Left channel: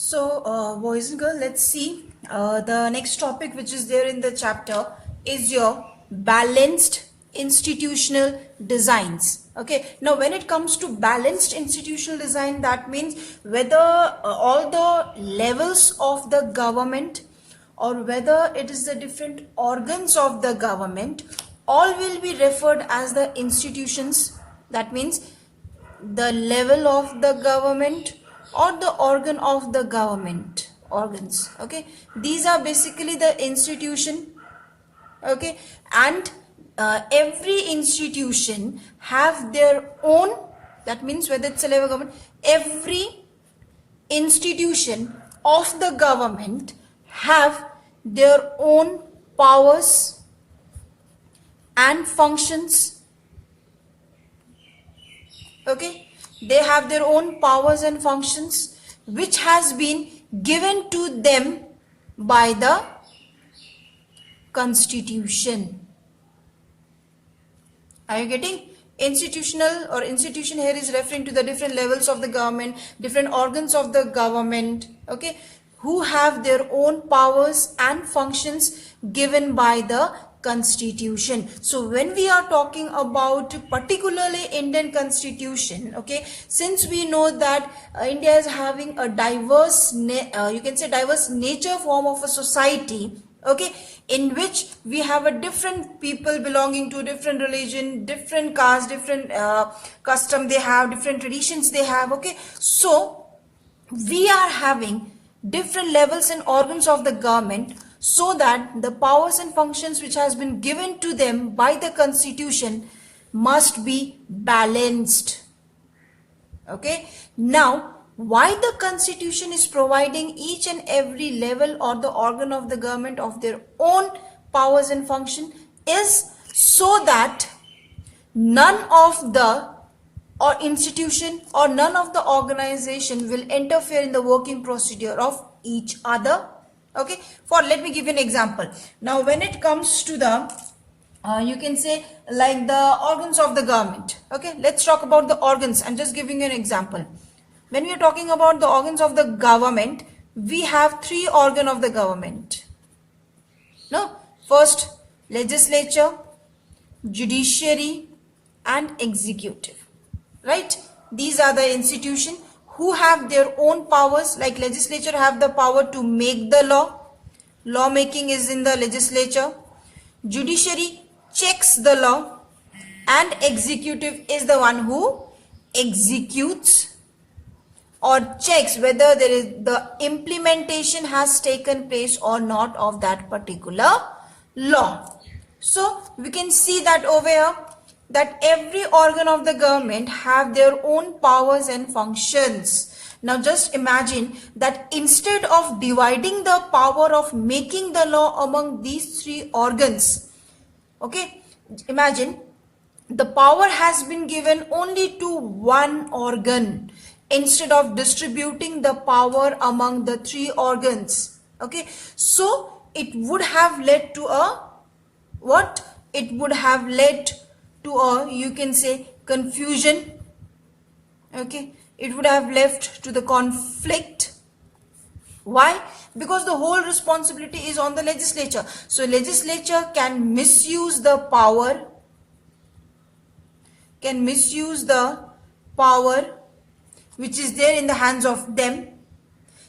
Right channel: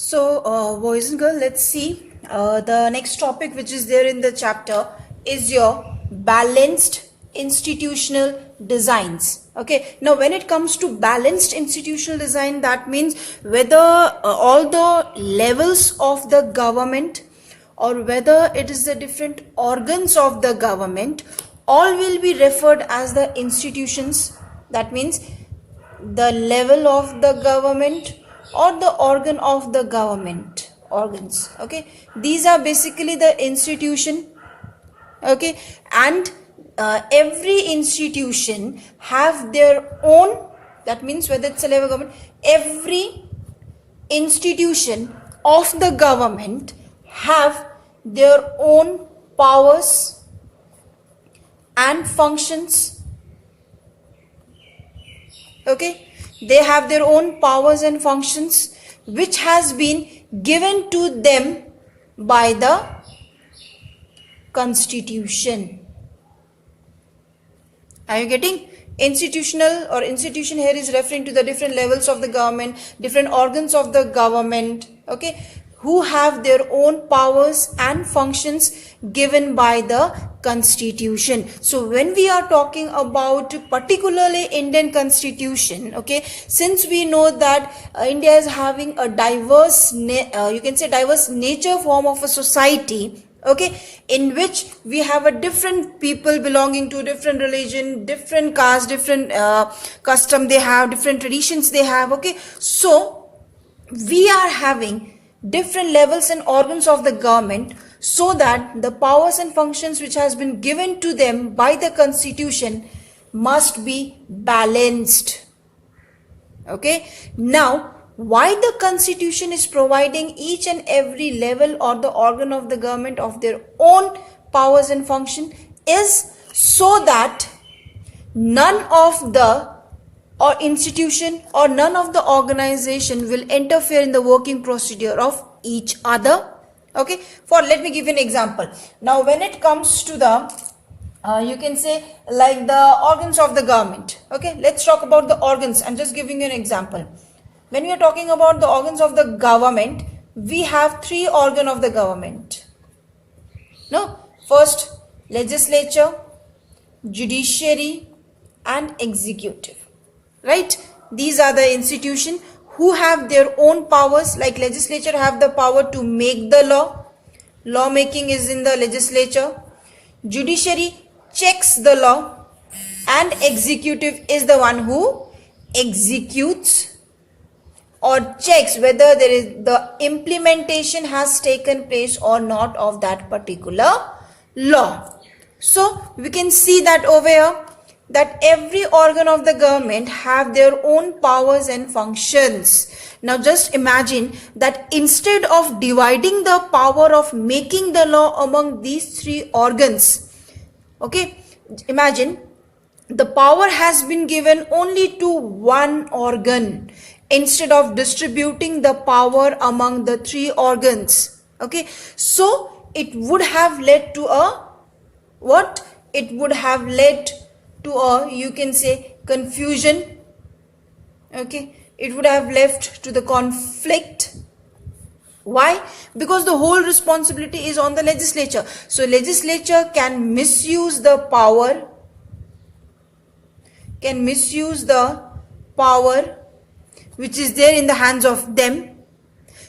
Boys and girls, let's see. The next topic which is there in the chapter is your balanced institutional designs. Okay, now when it comes to balanced institutional design, that means whether all the levels of the government or whether it is the different organs of the government, all will be referred as the institutions. That means the level of the government or the organ of the government organs. Okay, these are basically the institution. Okay, and every institution have their own, that means whether it's a level of government, every institution of the government have their own powers and functions. Okay, they have their own powers and functions which has been given to them by the constitution. Are you getting? Institutional or institution here is referring to the different levels of the government, different organs of the government, okay, who have their own powers and functions given by the constitution. So when we are talking about particularly Indian constitution, okay, since we know that India is having a diverse, you can say diverse nature form of a society, okay, in which we have a different people belonging to different religion, different caste, different custom they have, different traditions they have, okay, so we are having different levels and organs of the government so that the powers and functions which has been given to them by the constitution must be balanced. Okay, now why the constitution is providing each and every level or the organ of the government of their own powers and function is so that none of the or institution or none of the organization will interfere in the working procedure of each other. Okay, for let me give you an example. Now when it comes to the you can say like the organs of the government, okay, let's talk about the organs. I'm just giving you an example. When we are talking about the organs of the government, we have three organs of the government. No, first legislature, judiciary and executive. Right, these are the institutions who have their own powers. Like legislature have the power to make the law, lawmaking is in the legislature, judiciary checks the law and executive is the one who executes or checks whether there is the implementation has taken place or not of that particular law. So we can see that over here that every organ of the government have their own powers and functions. Now just imagine that instead of dividing the power of making the law among these three organs, okay, imagine the power has been given only to one organ instead of distributing the power among the three organs. Okay, so it would have led to a what? It would have led to a, you can say, confusion. Okay, it would have left to the conflict. Why? Because the whole responsibility is on the legislature. So legislature can misuse the power, which is there in the hands of them.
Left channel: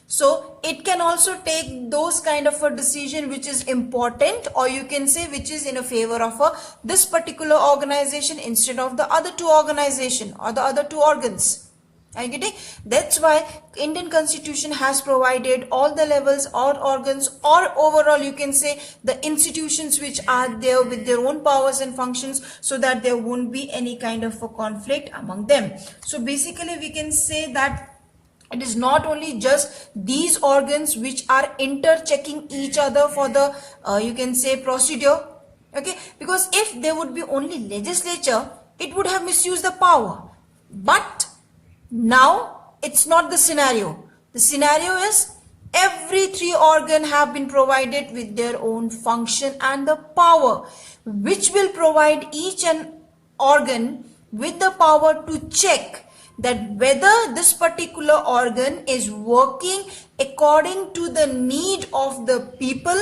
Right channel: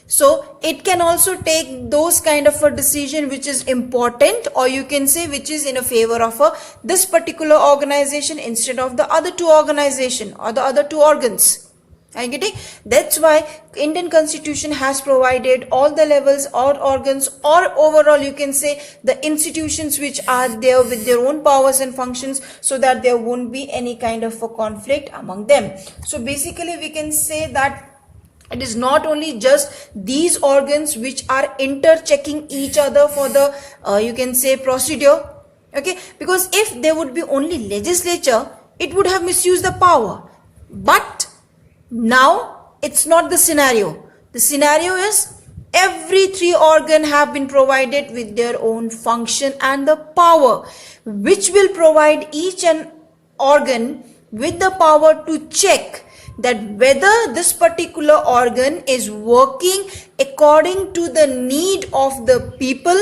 So it can also take those kind of a decision which is important, or you can say which is in a favor of this particular organization instead of the other two organization or the other two organs. Are you getting? That's why Indian constitution has provided all the levels or organs, or overall you can say the institutions which are there with their own powers and functions, so that there won't be any kind of a conflict among them. So basically we can say that it is not only just these organs which are interchecking each other for the you can say procedure. Okay, because if there would be only legislature, it would have misused the power. But now it's not the scenario. The scenario is every three organs have been provided with their own function and the power, which will provide each an organ with the power to check that whether this particular organ is working according to the need of the people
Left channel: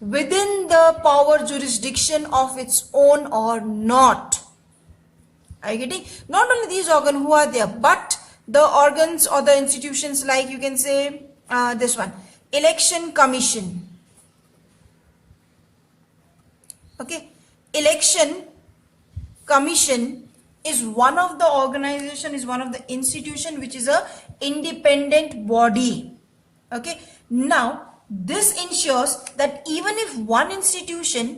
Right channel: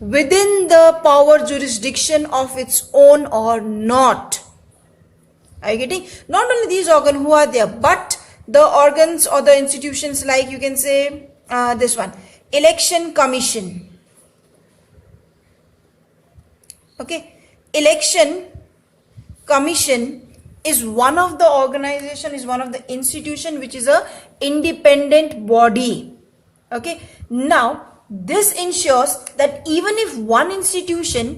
within the power jurisdiction of its own or not. Are you getting? Not only these organs who are there, but the organs or the institutions, like you can say this one, election commission. Okay, election commission is one of the organization, is one of the institution which is a independent body. Okay, now this ensures that even if one institution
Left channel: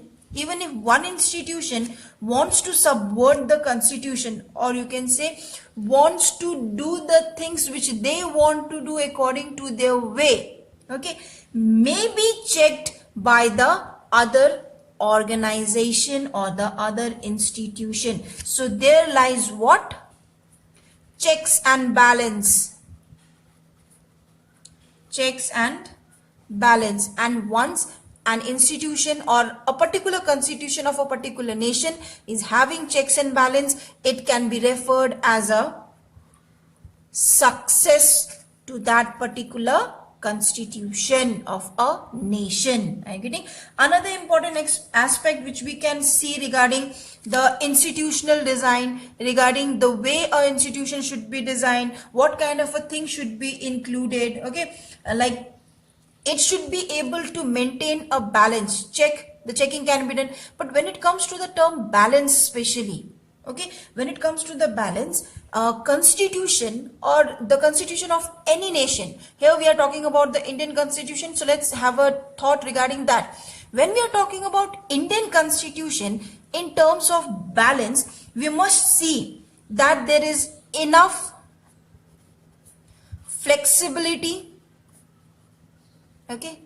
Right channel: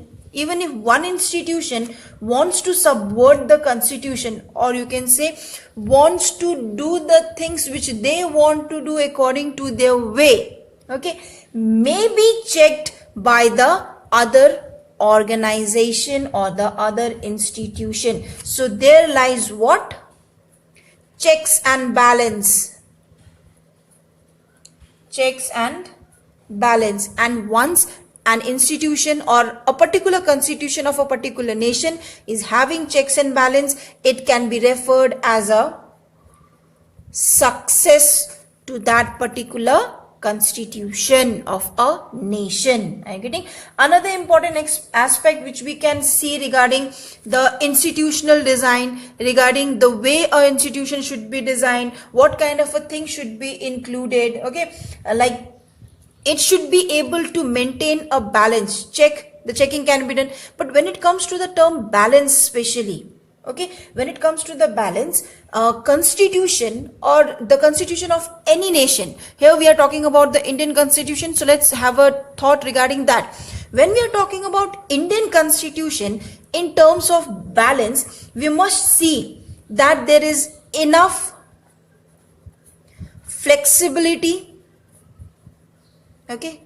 wants to subvert the constitution, or you can say wants to do the things which they want to do according to their way, okay, may be checked by the other organization or the other institution. So there lies what? Checks and balance. Checks and balance. And once an institution or a particular constitution of a particular nation is having checks and balance, it can be referred as a success to that particular constitution of a nation. Are you getting? Another important aspect which we can see regarding the institutional design, regarding the way an institution should be designed, what kind of a thing should be included, okay, like it should be able to maintain a balance. The checking can be done, but when it comes to the term balance especially, okay, when it comes to the balance, constitution or the constitution of any nation, here we are talking about the Indian constitution, so let's have a thought regarding that. When we are talking about Indian constitution in terms of balance, we must see that there is enough flexibility. Okay,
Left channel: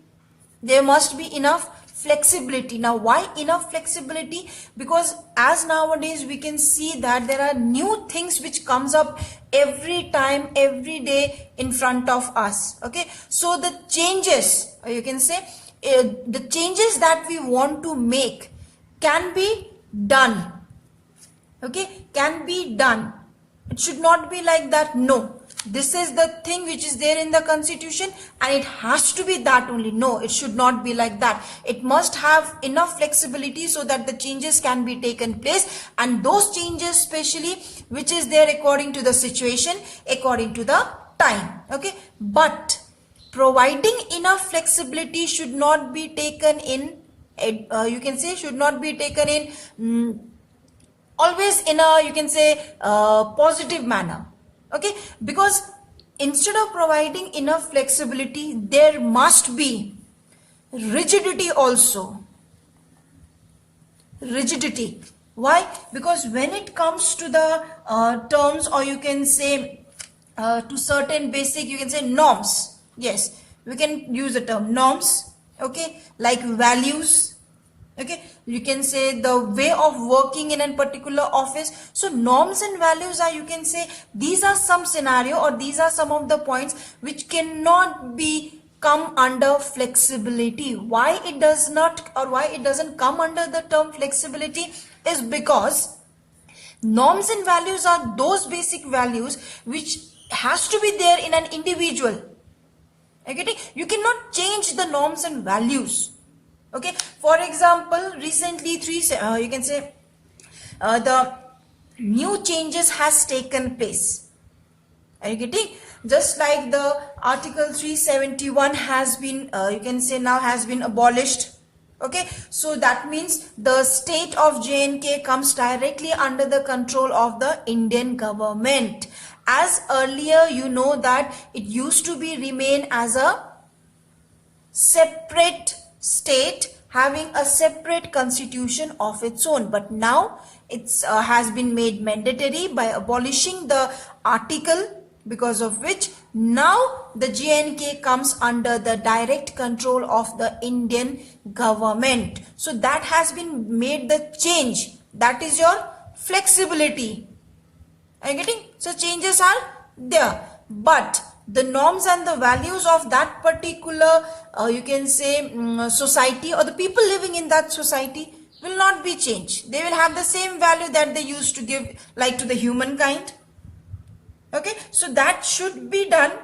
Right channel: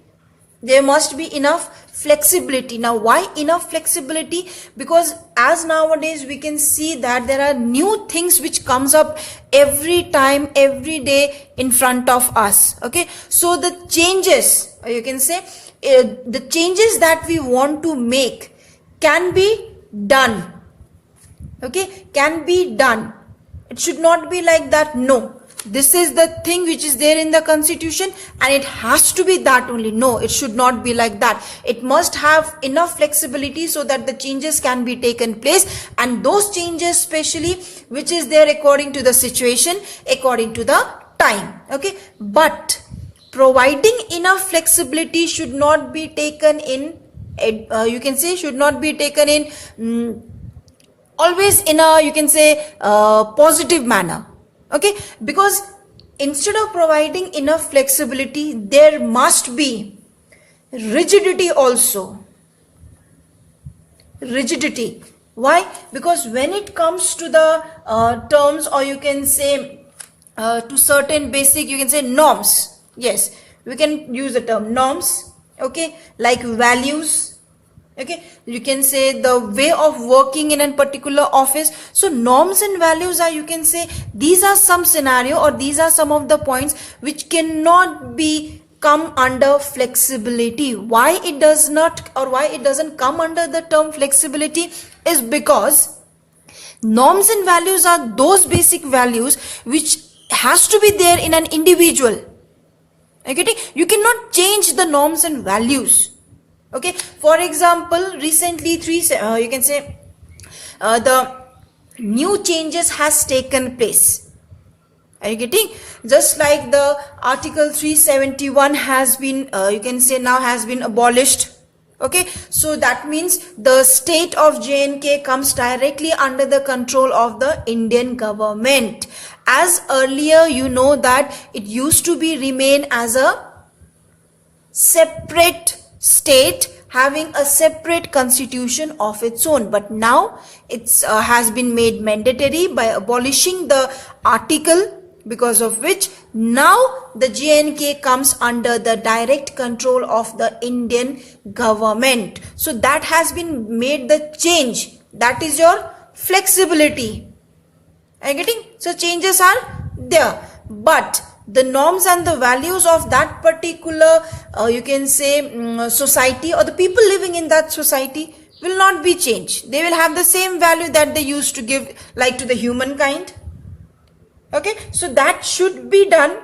there must be enough flexibility. Now why enough flexibility? Because as nowadays we can see that there are new things which comes up every time, every day in front of us. Okay, so the changes, or you can say the changes that we want to make can be done. Okay, can be done. It should not be like that. No, this is the thing which is there in the constitution and it has to be that only. No, it should not be like that. It must have enough flexibility so that the changes can be taken place, and those changes especially which is there according to the situation, according to the time. Okay, but providing enough flexibility should not be taken in you can say should not be taken in always in a, you can say, positive manner. Okay, because instead of providing enough flexibility, there must be rigidity also. Rigidity. Why? Because when it comes to the terms, or you can say to certain basic, you can say norms. Yes, we can use the term norms. Okay, like values. Okay, you can say the way of working in a particular office. So norms and values are, you can say, these are some scenario, or these are some of the points which cannot be come under flexibility. Why it does not, or why it doesn't come under the term flexibility, is because norms and values are those basic values which has to be there in an individual. Okay, you cannot change the norms and values. Okay, for example, recently you can say the new changes has taken place. Are you getting? Just like the Article 371 has been you can say now has been abolished. Okay, so that means the state of J&K comes directly under the control of the Indian government. As earlier, you know that it used to be remain as a separate state having a separate constitution of its own, but now it's has been made mandatory by abolishing the article, because of which now the J&K comes under the direct control of the Indian government. So that has been made the change. That is your flexibility. Are you getting? So changes are there, but the norms and the values of that particular you can say society, or the people living in that society, will not be changed. They will have the same value that they used to give, like to the humankind. Okay, so that should be done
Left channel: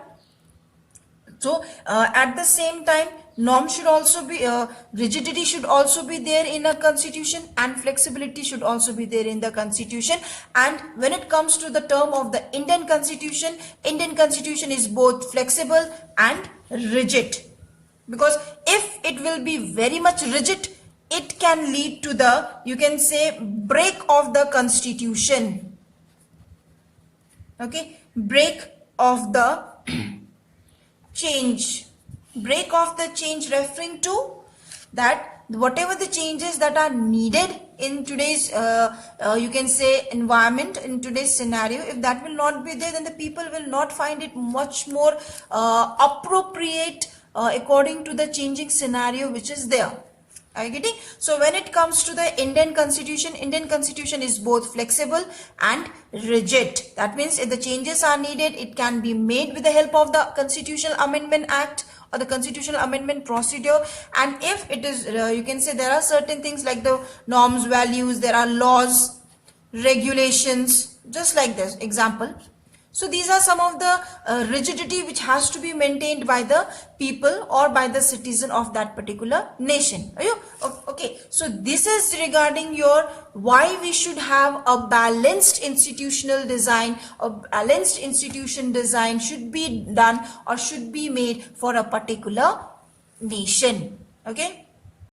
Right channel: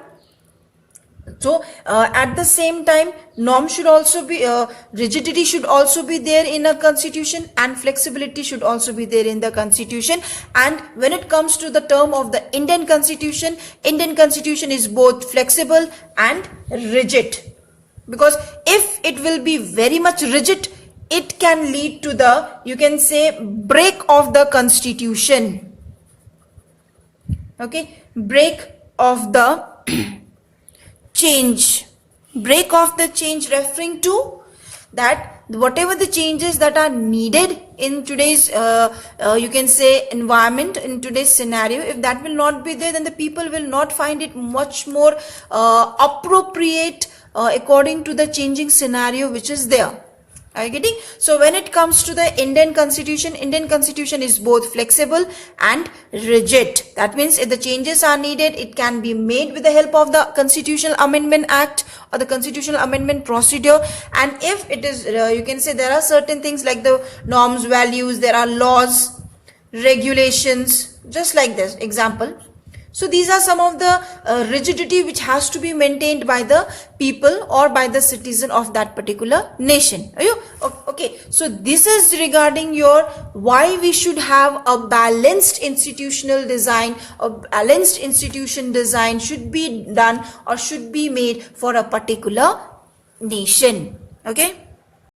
So at the same time, norm should also be, rigidity should also be there in a constitution, and flexibility should also be there in the constitution. And when it comes to the term of the Indian constitution is both flexible and rigid. Because if it will be very much rigid, it can lead to the, you can say, break of the constitution. Okay, break of the change, referring to that whatever the changes that are needed in today's you can say environment, in today's scenario, if that will not be there, then the people will not find it much more appropriate according to the changing scenario which is there. Are you getting? So when it comes to the Indian constitution is both flexible and rigid. That means if the changes are needed, it can be made with the help of the Constitutional Amendment Act or the Constitutional Amendment Procedure. And if it is, you can say there are certain things like the norms, values, there are laws, regulations, just like this example. So these are some of the rigidity which has to be maintained by the people or by the citizen of that particular nation. Are you okay? So this is regarding your why we should have a balanced institutional design. A balanced institution design should be done or should be made for a particular nation. Okay.